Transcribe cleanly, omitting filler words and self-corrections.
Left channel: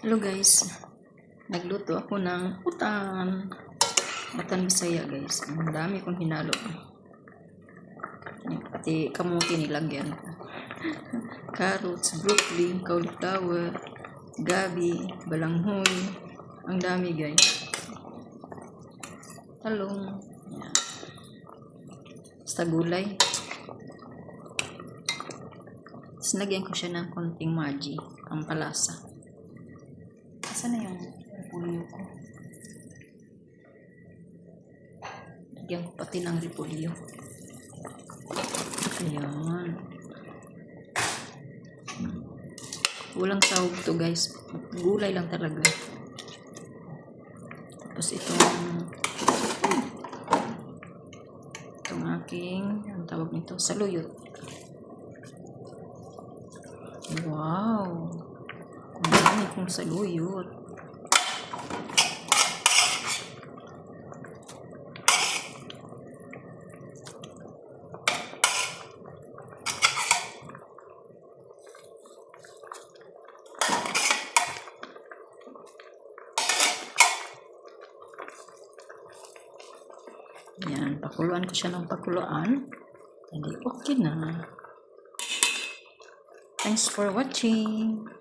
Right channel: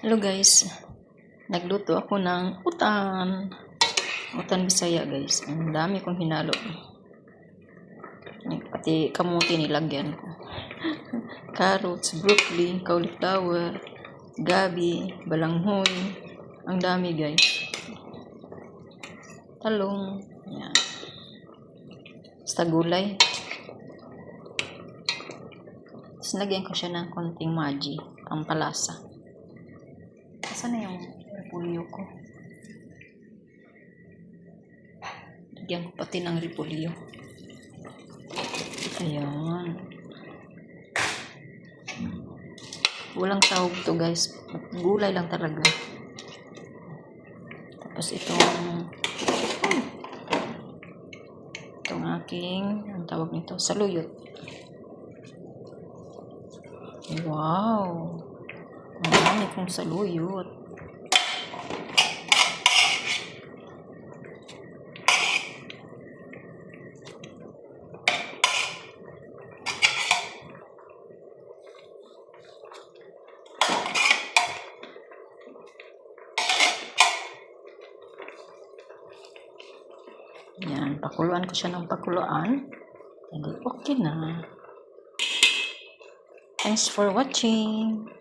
Hello guys, nagluto ako ng utan Bisaya guys. Ang dami kong hinalo, pati kamuti nilagyan ko. Carrots, broccoli, cauliflower, gabi, balanghoy, ang dami guys. Talong, yan. Basta gulay. Tapos lagyan ko siya ng konting maji, ang palasa. Saan na yung repolyo ko? Lagyan ko pati ng repolyo. Ayan. Walang sahog to guys. Gulay lang talaga. Tapos itong aking, ang tawag nito, saluyot. Wow! Ang dami kong saluyot. Yan, pakuluan ko siya ng pakuluan. Hindi, okay na. Thanks for watching.